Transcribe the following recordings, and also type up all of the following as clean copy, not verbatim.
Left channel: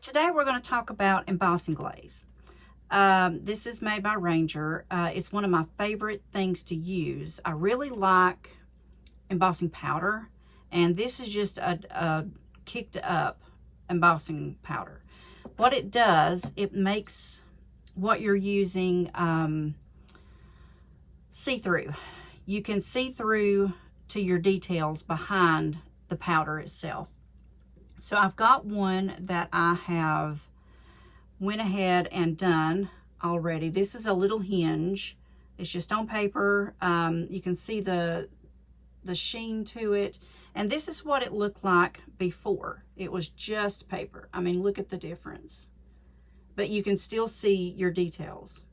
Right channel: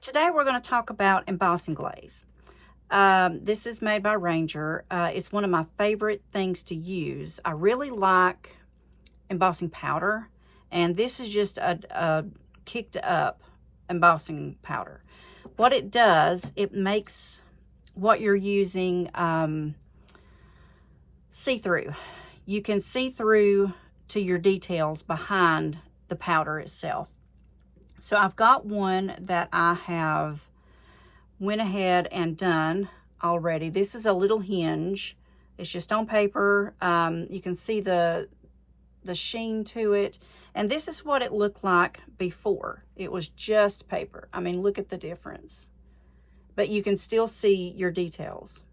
Today we're going to talk about embossing glaze. This is made by Ranger. It's one of my favorite things to use. I really like embossing powder, and this is just a kicked up embossing powder. What it does, it makes what you're using see-through. You can see through to your details behind the powder itself. So I've got one that I have went ahead and done already. This is a little hinge. It's just on paper. You can see the sheen to it. And this is what it looked like before. It was just paper. I mean, look at the difference. But you can still see your details.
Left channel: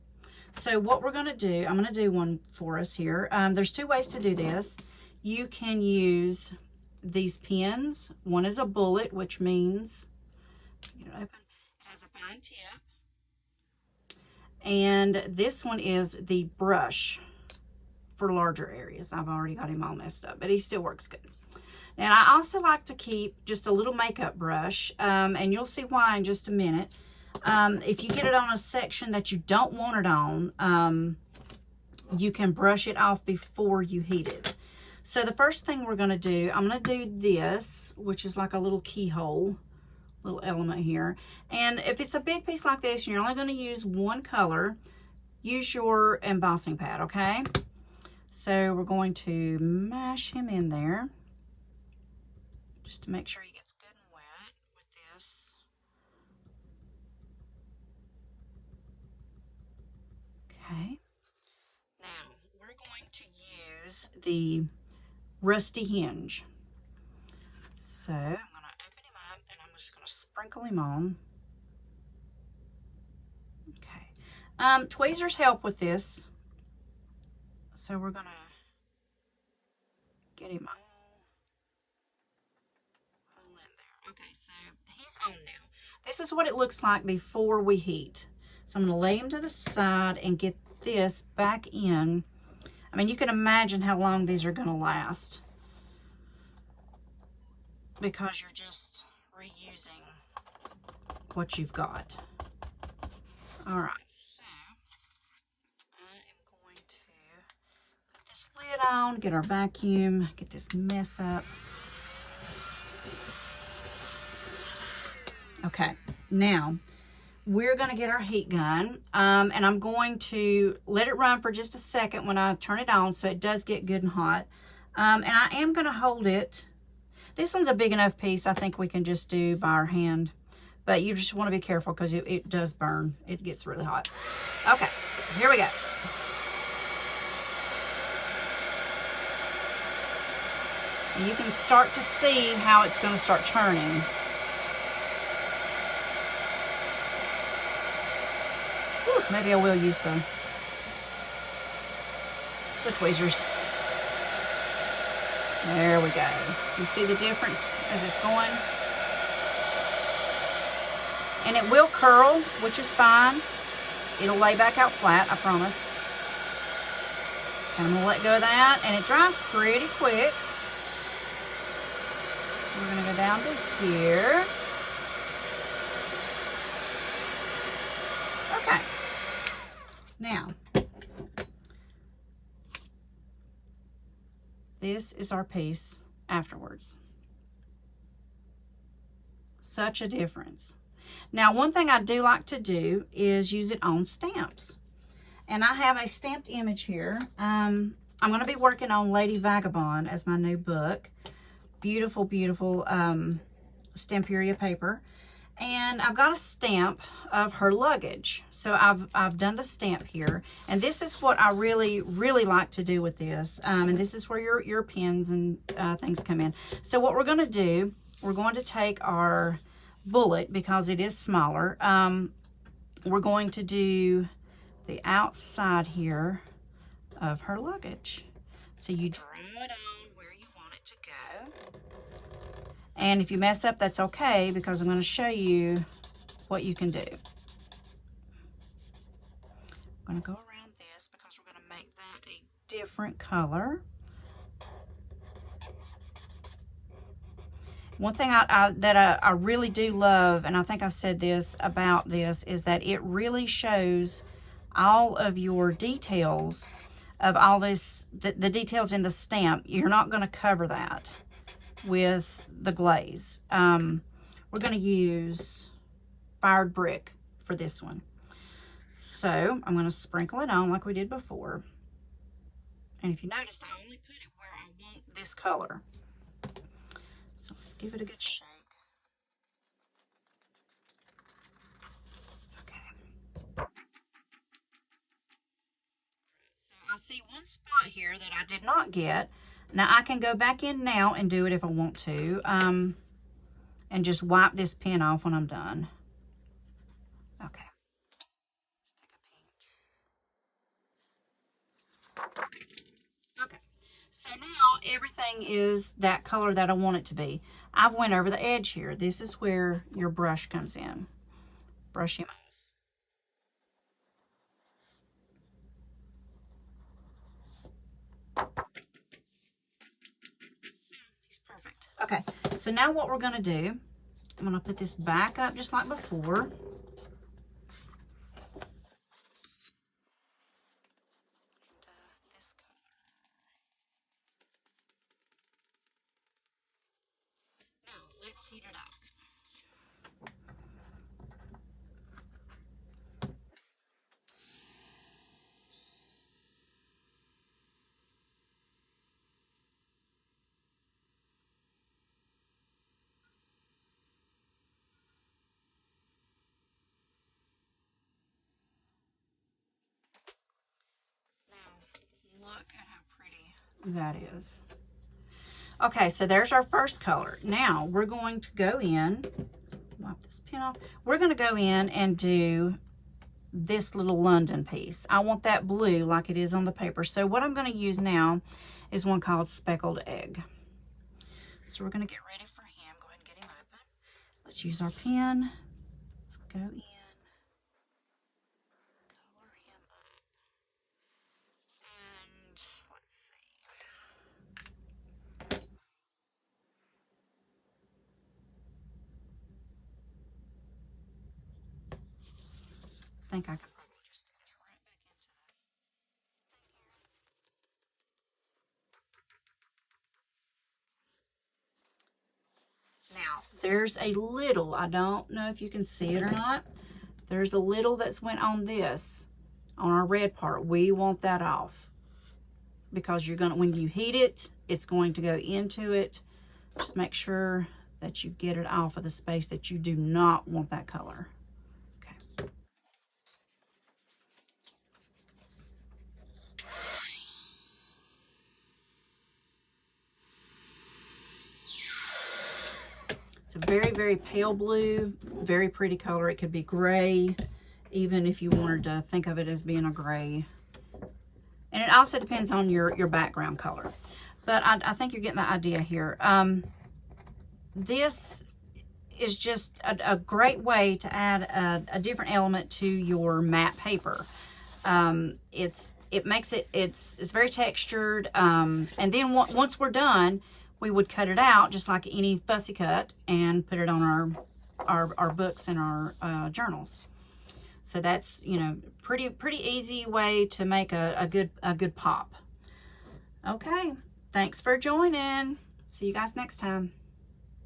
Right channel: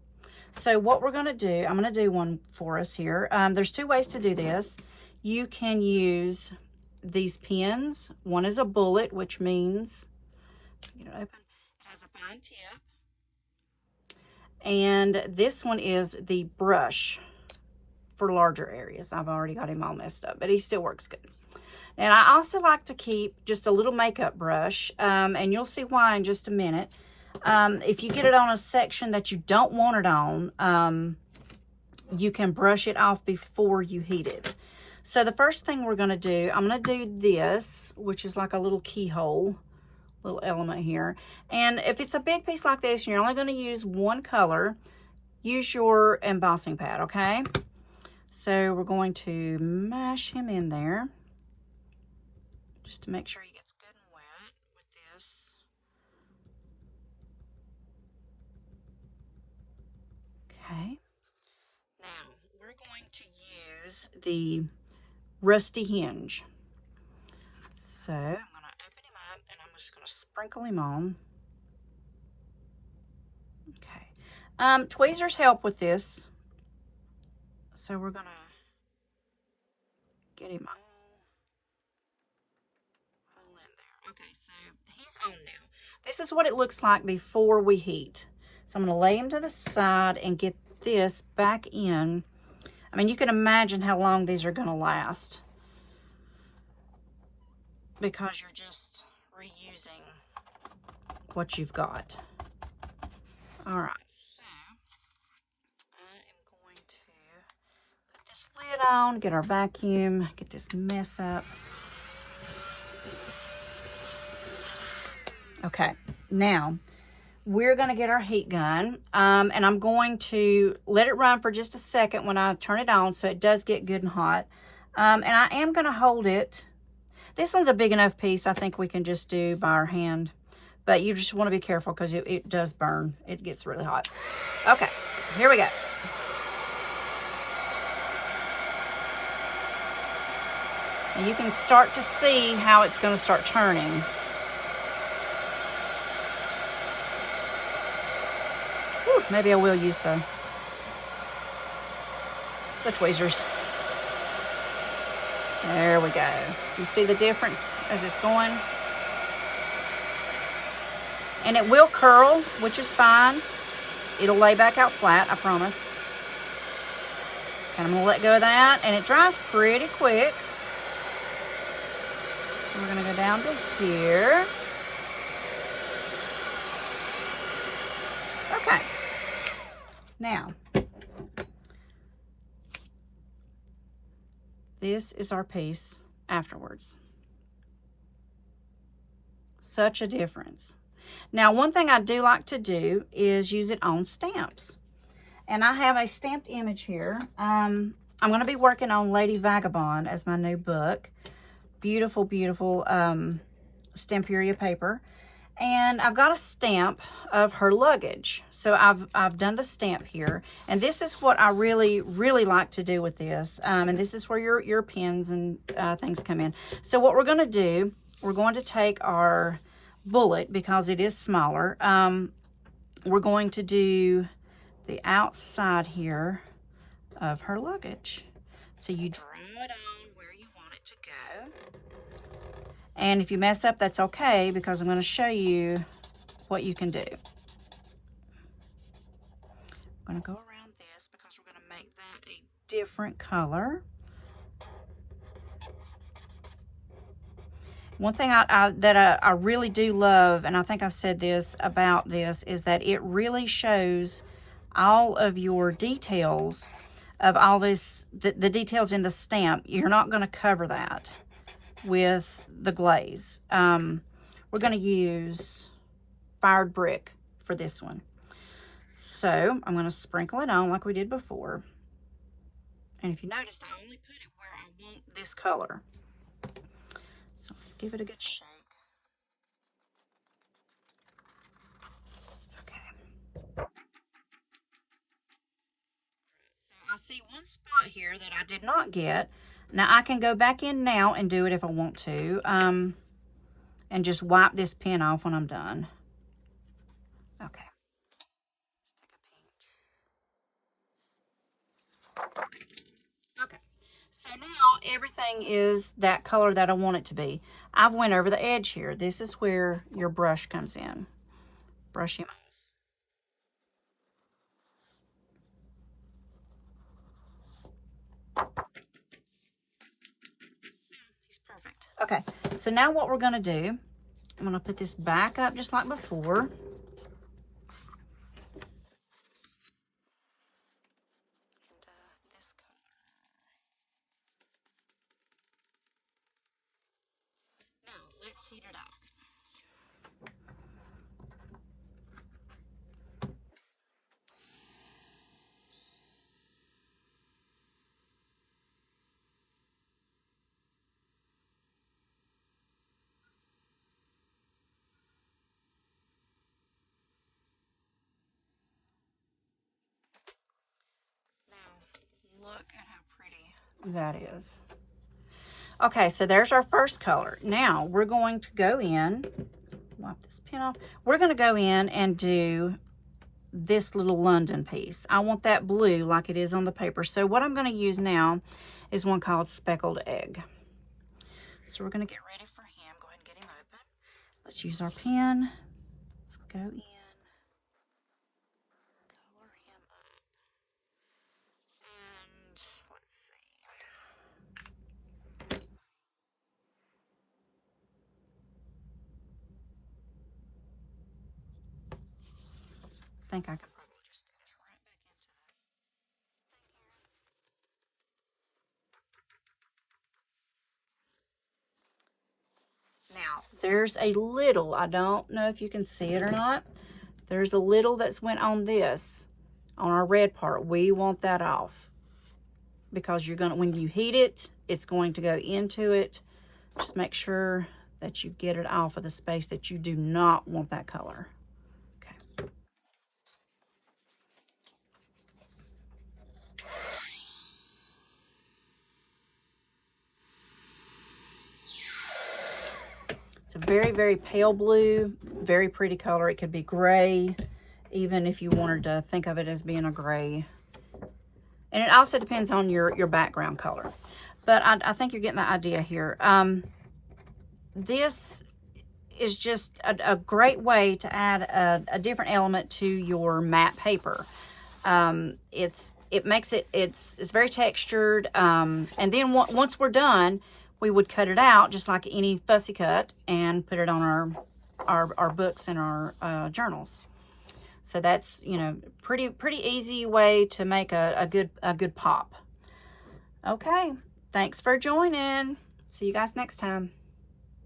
So what we're going to do, I'm going to do one for us here. There's two ways to do this. You can use these pins. One is a bullet, which means, get it open, it has a fine tip. And this one is the brush for larger areas. I've already got him all messed up, but he still works good. And I also like to keep just a little makeup brush, and you'll see why in just a minute. If you get it on a section that you don't want it on, you can brush it off before you heat it. So the first thing we're going to do, I'm going to do this, which is like a little keyhole, little element here. And if it's a big piece like this, you're only going to use one color, use your embossing pad, okay? So we're going to mash him in there just to make sure he gets good and wet with this. Okay. Now we're going to use the rusty hinge. So I'm going to open him up and I'm just going to sprinkle him on. Okay. Tweezers help with this. So we're going to get him all in there. Okay, so he's on now. This is what it looks like before we heat. So I'm going to lay him to the side and get this back in. I mean, you can imagine how long these are going to last, because you're just reusing what you've got. All right, so I am going to put this lid on, get our vacuum, get this mess up. Okay, now we're going to get our heat gun, and I'm going to let it run for just a second when I turn it on so it does get good and hot. And I am going to hold it. This one's a big enough piece. I think we can just do by our hand. But you just want to be careful because it does burn. It gets really hot. Okay, here we go. And you can start to see how it's going to start turning. Whew, maybe I will use the tweezers. There we go. You see the difference as it's going? And it will curl, which is fine. It'll lay back out flat, I promise. And we'll let go of that, and it dries pretty quick. We're gonna go down to here. Okay. Now, this is our piece afterwards. Such a difference. Now, one thing I do like to do is use it on stamps. And I have a stamped image here. I'm going to be working on Lady Vagabond as my new book. Beautiful, beautiful Stamperia paper. And I've got a stamp of her luggage. So I've done the stamp here. And this is what I really, really like to do with this. And this is where your pins and things come in. So what we're going to do, we're going to take our bullet, because it is smaller. We're going to do the outside here of her luggage. So you draw it on where you want it to go. And if you mess up, that's okay, because I'm going to show you what you can do. I'm going to go around this because we're going to make that a different color. One thing I really do love, and I think I've said this about this, is that it really shows all of your details of all this, the details in the stamp. You're not going to cover that with the glaze. We're going to use fired brick for this one. So I'm going to sprinkle it on like we did before. And if you noticed, I only put it where I want this color. So let's give it a good shake. Okay. So I see one spot here that I did not get. Now I can go back in now and do it if I want to. And just wipe this pen off when I'm done. Okay. Let's take a pinch. Okay. So now everything is that color that I want it to be. I've went over the edge here. This is where your brush comes in. Brush him off. He's perfect. Okay, so now what we're gonna do, I'm gonna put this back up just like before. Let's heat it up. Now, look at how pretty that is. Okay, so there's our first color. Now we're going to go in, wipe this pen off. We're going to go in and do this little London piece. I want that blue like it is on the paper. So what I'm going to use now is one called Speckled Egg. So we're going to get ready for him. Go ahead and get him open. Let's use our pen. Let's go in. Color him up. And let's see. I think I can probably just do this right back into the thing here. Now, there's a little, I don't know if you can see it or not. There's a little that's went on this, on our red part. We want that off because you're gonna, when you heat it, it's going to go into it. Just make sure that you get it off of the space that you do not want that color. Okay. It's a very, very pale blue, very pretty color. It could be gray, even if you wanted to think of it as being a gray. And it also depends on your background color. But I think you're getting the idea here. This is just a great way to add a different element to your matte paper. It makes it, it's very textured. And then once we're done, we would cut it out just like any fussy cut and put it on our books and our journals. So that's, you know, pretty easy way to make a good pop. Okay, thanks for joining. See you guys next time.